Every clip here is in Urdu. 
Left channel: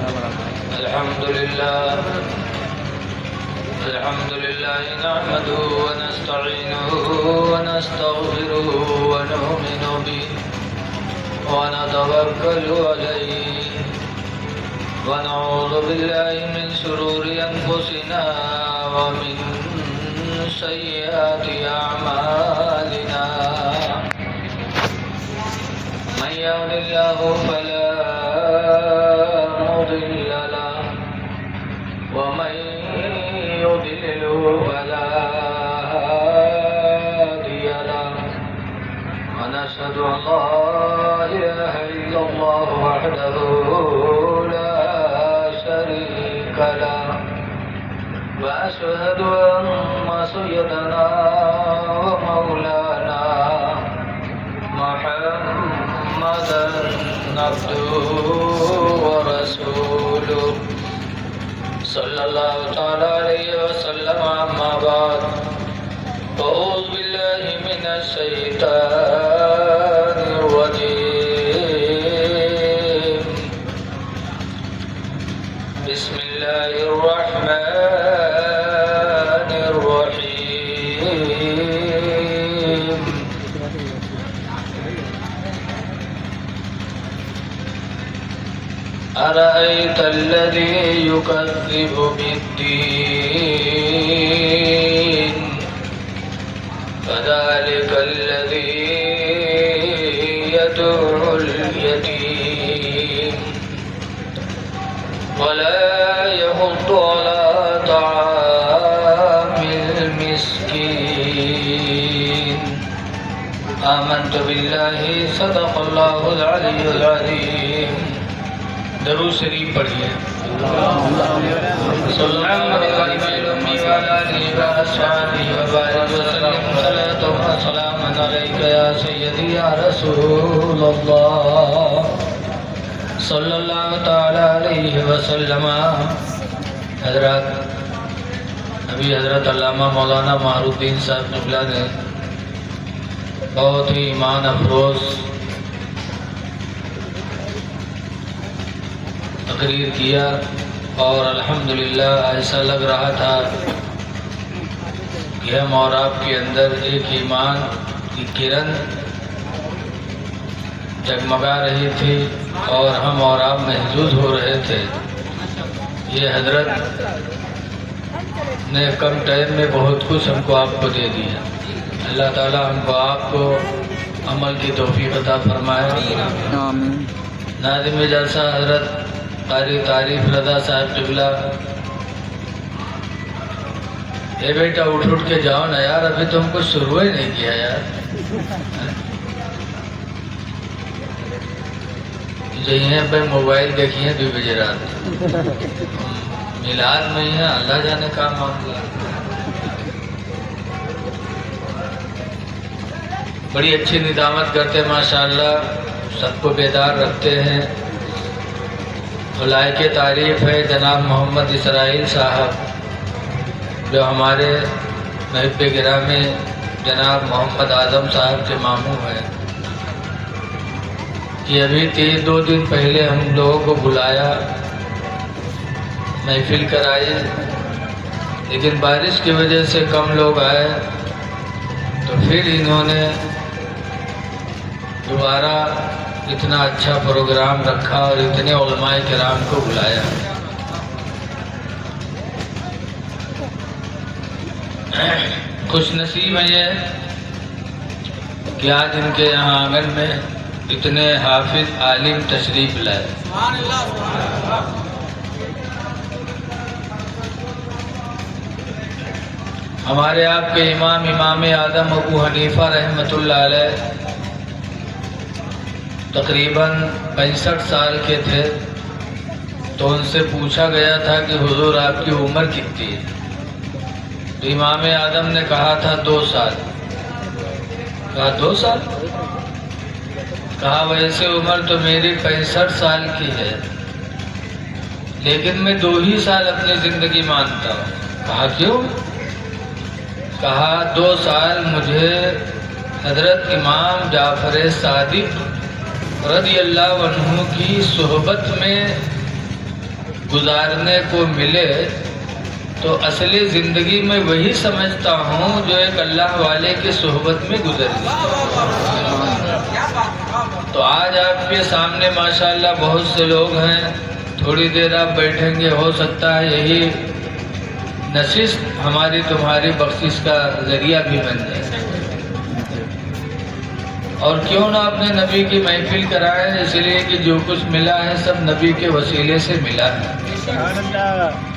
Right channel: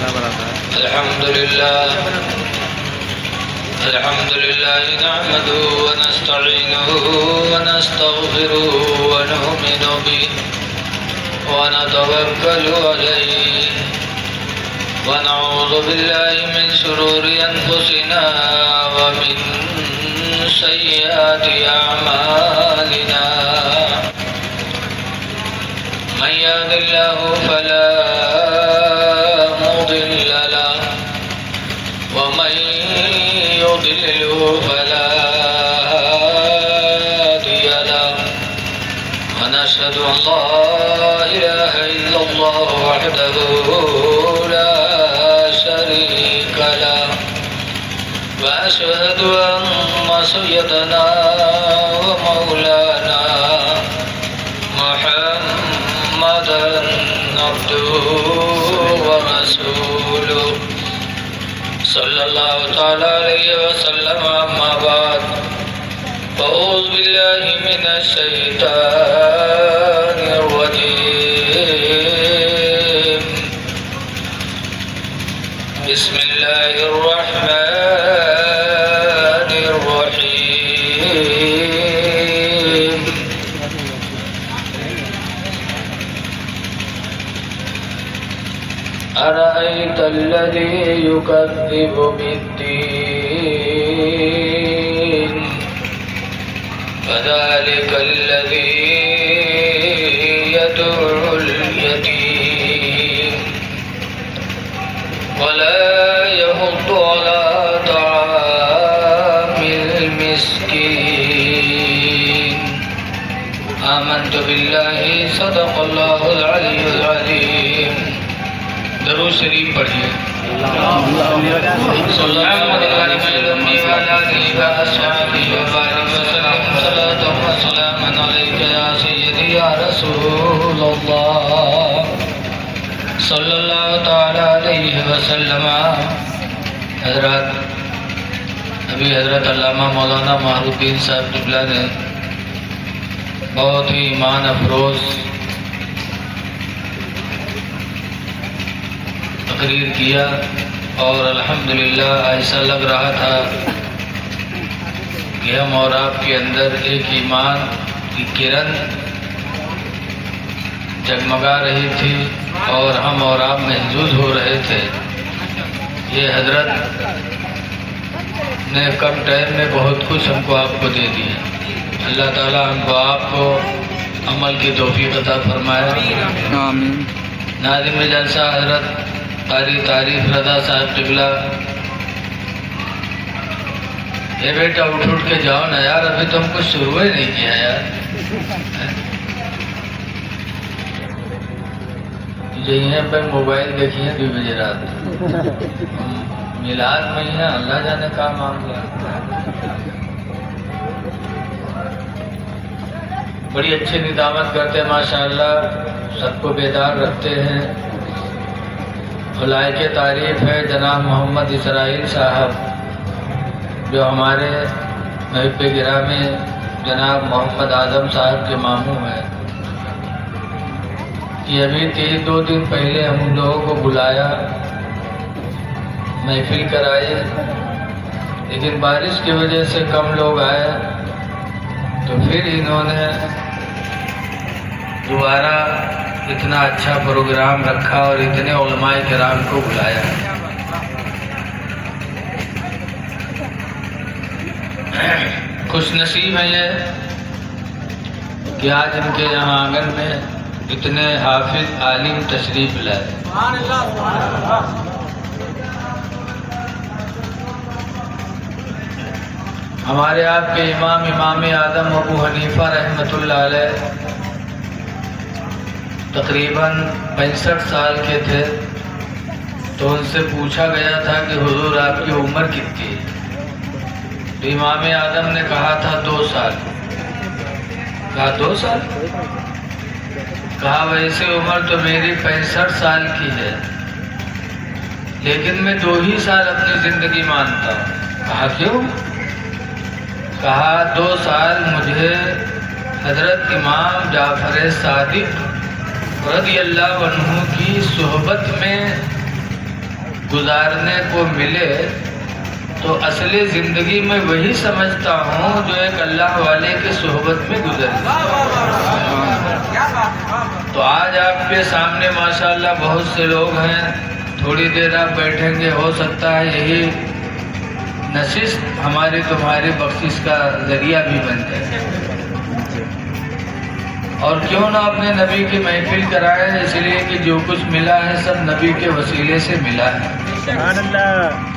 تعالیٰ وبرکاتہ۔ الحمد لله نحمده ونستعينه ونستغفره ونؤمن به ونتوكل عليه ونعوذ بالله من شرور أنفسنا ومن سيئات أعمالنا من يهد الله فلا مضل له ومن يضلله فلا هادي له ونشهد أن لا إله إلا الله وحده لا شريك له وأشهد أن سيدنا ومولانا محمدا عبده ورسوله صلى الله تعالى عليه وسلم أما بعد فأعوذ بالله من الشيطان الرجيم بسم الله الرحمن الرحيم أرأيت الذي يكذب بالدين فذلك الذي يدعو اليتيم ولا يحض على طعام المسكين آمنت بالله صدق الله العلي العظيم درود شریف پڑھیے صلی اللہ علیہ یا رسول اللہ صلی اللہ تعالی علیہ وسلم۔ حضرات، ابھی حضرت علامہ مولانا معروف الدین صاحب قبلہ نے بہت ہی ایمان افروز تقریر کیا اور الحمدللہ ایسا لگ رہا تھا کہ ہم اور آپ کے اندر ایک ایمان کی کرن جگمگا رہی تھی اور ہم اور آپ محظوظ ہو رہے تھے۔ یہ حضرت نے کم ٹائم میں بہت کچھ ہم کو آپ کو دے دیا۔ اللہ تعالی ہم کو آپ کو عمل کی توفیق عطا فرمائے، آمین۔ ناظم جلسہ حضرت تعریف رضا صاحب قبلہ، اے بیٹا اٹھ کے جاؤ نا یار، ابھی تم کو شروع ہی نہیں کیا یار۔ یہیں پہ موبائل دیکھیے 2 بجے رات، میلاد میں ہی ہے، اللہ جانے کا معاملہ۔ بڑی اچھی ندامت کرتے ہیں ماشاءاللہ، سب کو بیدار رکھتے ہیں۔ لائق تعریف ہے جناب محمد اسرائیل صاحب، جو ہمارے محب گرامی جناب محمد اعظم صاحب کے ماموں ہیں، کہ ابھی 2 دن پہلے ہم لوگوں کو بلایا، محفل کرائی، لیکن بارش کی وجہ سے کم لوگ آئے، تو پھر انہوں نے دوبارہ اتنا اچھا پروگرام رکھا اور اتنے علماء کرام کو بلایا۔ خوش نصیب ہے یہ کہ آج ان کے یہاں آنگن میں اتنے حافظ عالم تشریف لائے۔ ہمارے آپ کے امام اعظم ابو حنیفہ رحمۃ اللہ علیہ تقریباً 65 سال کے تھے، تو ان سے پوچھا گیا تھا کہ حضور آپ کی عمر کتنی ہے؟ تو امام اعظم نے کہا تھا 2 سال۔ کہا 2 سال؟ کہا ویسے عمر تو میری 65 سال کی ہے، لیکن میں 2 ہی سال اپنی زندگی مانتا ہوں۔ کہا کیوں؟ کہا 2 سال مجھے حضرت امام جعفر صادق رضی اللہ عنہ کی صحبت میں گزارنے کو ملے تو اصلی زندگی میں وہی سمجھتا ہوں جو ایک اللہ والے کی صحبت میں گزر گئی۔ تو آج آپ کے سامنے ماشاءاللہ بہت سے لوگ ہیں، تھوڑی دیر آپ بیٹھیں گے، ہو سکتا ہے یہی نشست ہماری تمہاری بخشش کا ذریعہ بھی بن جائے۔ اور کیوں نہ اپنے نبی کی محفل کرائے، اس لیے کہ جو کچھ ملا ہے سب نبی کے وسیلے سے ملا ہے۔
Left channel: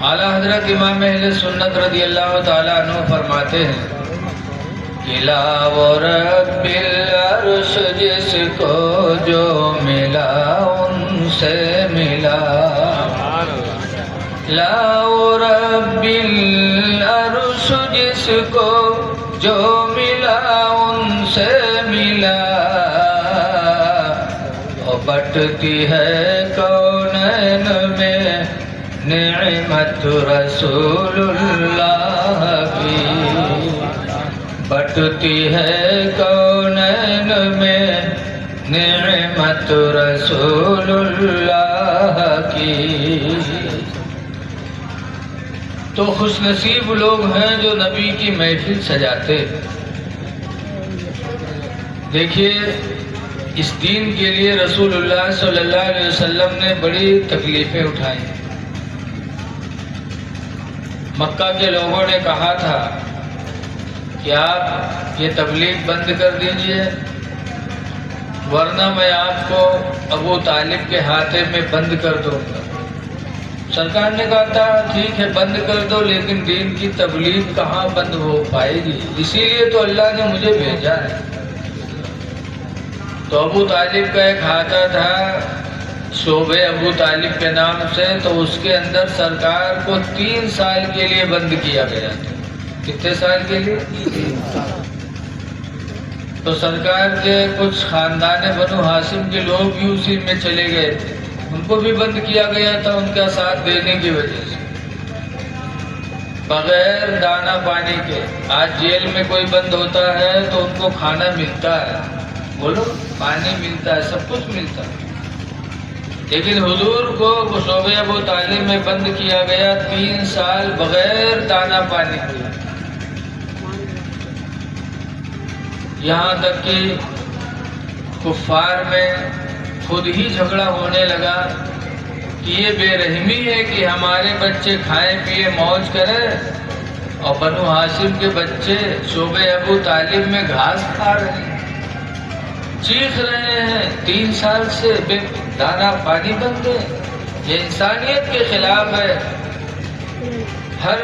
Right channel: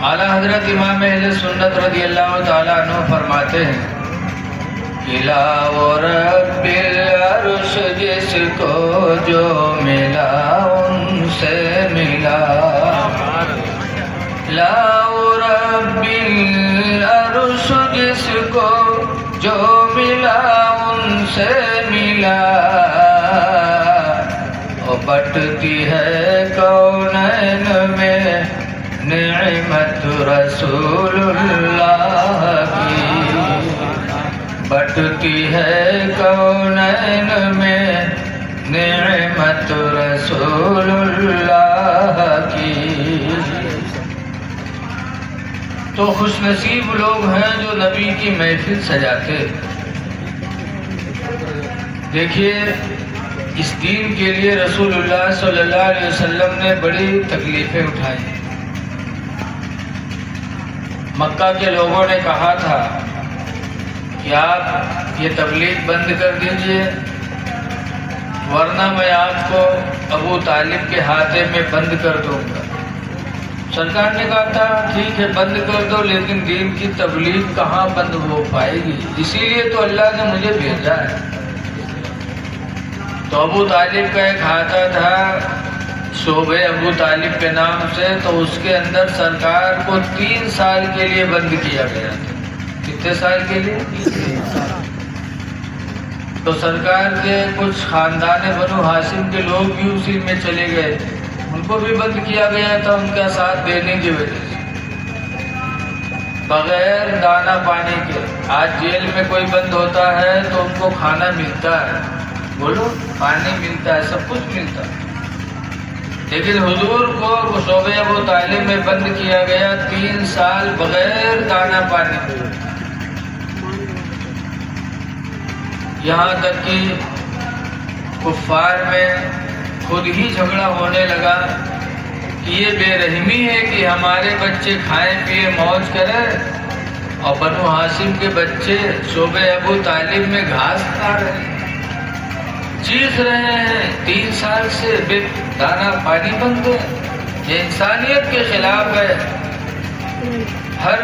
اعلیٰ حضرت امام اہل سنت رضی اللہ تعالیٰ عنہ فرماتے ہیں کہ لا ورب العرش جس کو جو ملا ان سے ملا، لا ورب العرش جس کو جو ملا ان سے ملا، اور بٹتی ہے کونین میں نعمت رسول اللہ کی، بٹتی ہے کونین میں نعمت رسول اللہ کی۔ تو خوش نصیب لوگ ہیں جو نبی کی محفل سجاتے۔ دیکھیے اس دین کے لیے رسول اللہ صلی اللہ علیہ وسلم نے بڑی تکلیفیں اٹھائیں۔ مکہ کے لوگوں نے کہا تھا کہ آپ یہ تبلیغ بند کر دیجئے ورنہ میں آپ کو ابو طالب کے ہاتھے میں بند کر دوں گا۔ سرکار نے کہا تھا ٹھیک ہے بند کر دو، لیکن دین کی تبلیغ کہاں بند ہو پائے گی، اسی لیے تو اللہ نے مجھے بھیجا ہے۔ تو ابو طالب کا ایک ہاتھا تھا صوبے ابو طالب کے نام سے، تو اس کے اندر سرکار کو 3 سال کے لیے بند کیا گیا تھا۔ کتنے سال کے لیے؟ تو سرکار کے کچھ خاندان بنو ہاشم کے لوگ بھی اسی میں چلے گئے تھے، ان کو بھی بند کیا گیا تھا ان کا ساتھ دینے کی وجہ سے، بغیر دانا پانی کے۔ آج جیل میں کوئی بند ہوتا ہے تو ان کو کھانا ملتا ہے، بولو پانی ملتا ہے، سب کچھ ملتا ہے، لیکن حضور کو صوبے ابو طالب میں بند کیا گیا 3 سال بغیر دانا پانی کے۔ یہاں تک کہ کفار میں خود ہی جھگڑا ہونے لگا کہ یہ بے رحمی ہے کہ ہمارے بچے کھائے پیے موج کریں اور بنو ہاشم کے بچے صوبے ابو طالب میں گھاس کھا رہے ہیں، چیخ رہے ہیں، 3 سال سے بے دانا پانی بند ہے۔ یہ انسانیت کے خلاف ہے۔ ہر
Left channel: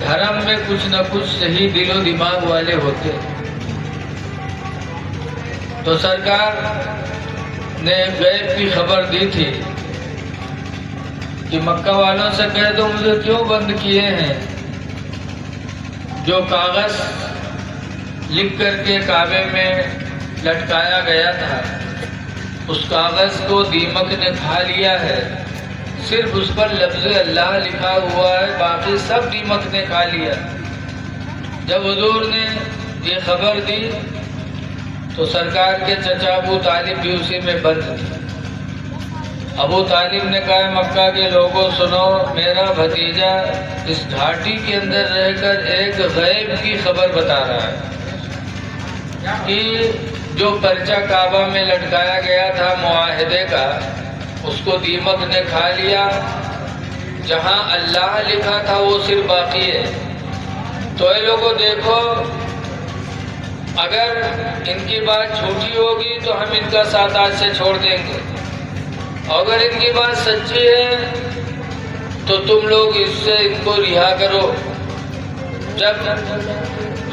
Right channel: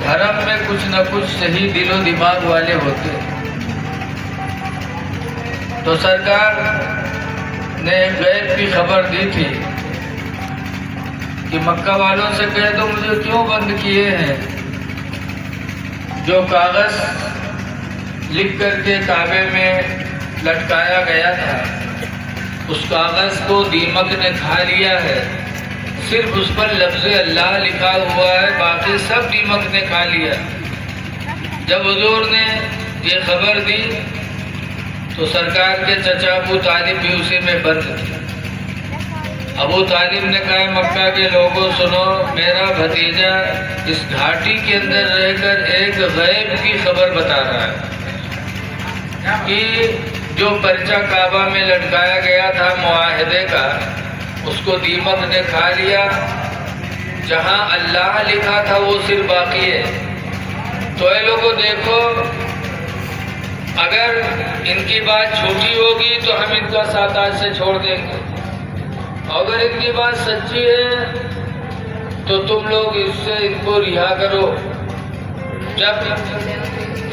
دھرم میں کچھ نہ کچھ صحیح دل و دماغ والے ہوتے ہیں۔ تو سرکار نے غیب کی خبر دی تھی کہ مکہ والوں سے کہہ دو مجھے کیوں بند کیے ہیں۔ جو کاغذ لکھ کر کے کعبے میں لٹکایا گیا تھا اس کاغذ کو دیمک نے کھا لیا ہے، صرف اس پر لفظ اللہ لکھا ہوا ہے، باقی سب دیمک نے کھا لیا۔ جب حضور نے یہ خبر دی تو سرکار کے چچا ابو طالب بھی اسی میں بند۔ ابو طالب نے کہا مکہ کے لوگوں سنو، میرا بھتیجا اس گھاٹی کے اندر رہ کر ایک غیب کی خبر بتا رہا ہے کہ جو پرچہ کعبہ میں لٹکایا گیا تھا معاہدے کا، اس کو دیمک نے کھا لیا، جہاں اللہ لکھا تھا وہ صرف باقی ہے۔ تو اے لوگوں دیکھو، اگر ان کی بات جھوٹی ہوگی تو ہم ان کا ساتھ آج سے چھوڑ دیں گے، اگر ان کی بات سچی ہے تو تم لوگ اس سے ان کو رہا کرو۔ جب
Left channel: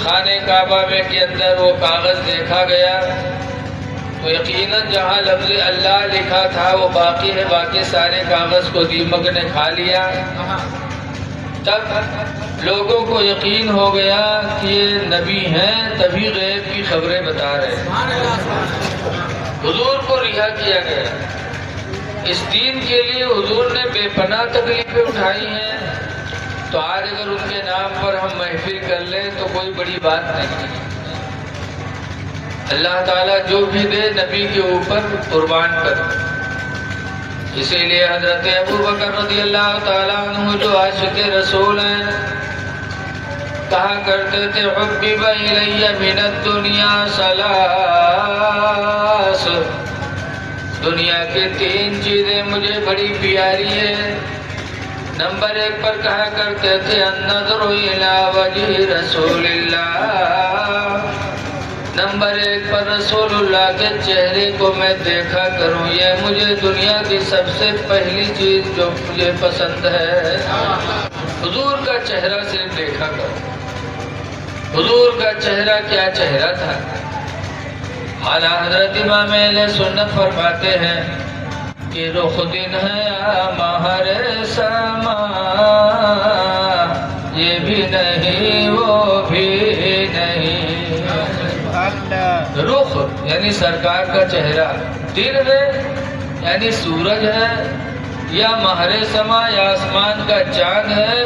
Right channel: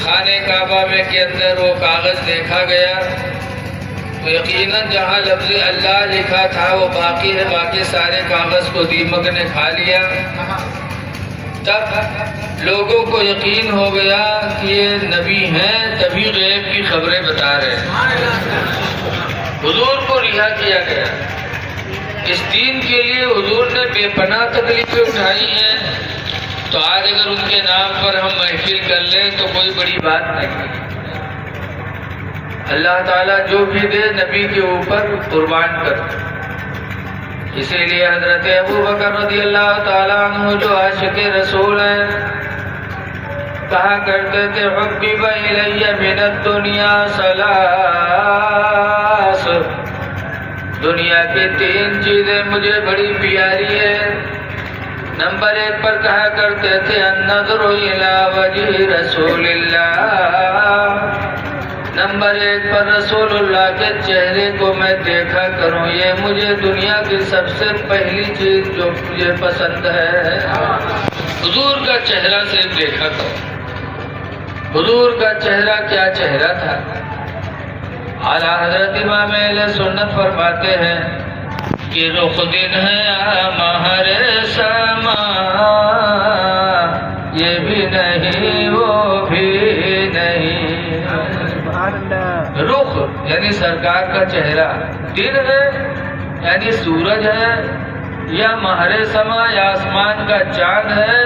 خانہ کعبہ میں کے اندر وہ کاغذ دیکھا گیا تو یقیناً جہاں لفظ اللہ لکھا تھا وہ باقی ہے، باقی سارے کاغذ کو دیمک نے کھا لیا۔ تب لوگوں کو یقین ہو گیا کہ یہ نبی ہیں، تبھی غیب کی خبریں بتا رہے ہیں۔ حضور کو رہا کیا گیا۔ اس دین کے لیے حضور نے بے پناہ تکلیفیں اٹھائی ہیں، تو آج اگر ان کے نام پر ہم محفل کر لیں تو کوئی بڑی بات نہیں۔ اللہ تعالیٰ جو بھی دے نبی کے اوپر قربان کر۔ اسی لیے حضرت ابو بکر رضی اللہ تعالیٰ عنہ جو عاشق رسول ہیں کہا کرتے تھے حبب الی من الدنیا ثلاث، دنیا کی 3 چیزیں مجھے بڑی پیاری ہیں۔ نمبر 1 پر کہا کرتے تھے النظر الی وجہ رسول اللہ، نمبر 1 پر رسول اللہ کے چہرے کو میں دیکھا کروں، یہ مجھے دنیا کی سب سے پہلی چیز جو مجھے پسند ہے، حضور کا چہرہ صرف دیکھا کروں۔ حضور کا چہرہ کیا چہرہ تھا؟ اعلیٰ حضرت امام اہل سنت فرماتے ہیں کہ رخ دن ہے مہر سما، یہ بھی نہیں وہ بھی نہیں۔ رخ یعنی سرکار کا چہرہ، دن ہے یعنی سورج ہے، یا مہر سما یا آسمان کا چاند ہے۔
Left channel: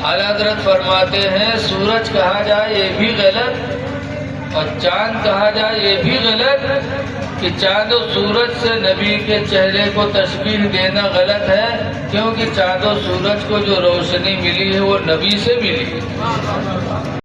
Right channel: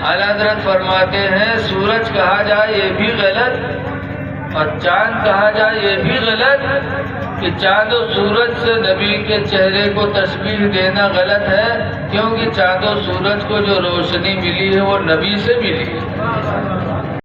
اعلیٰ حضرت فرماتے ہیں سورج کہا جائے یہ بھی غلط اور چاند کہا جائے یہ بھی غلط، کہ چاند و سورج سے نبی کے چہرے کو تشبیہ دینا غلط ہے، کیونکہ چاند و سورج کو جو روشنی ملی ہے وہ نبی سے ملی ہے۔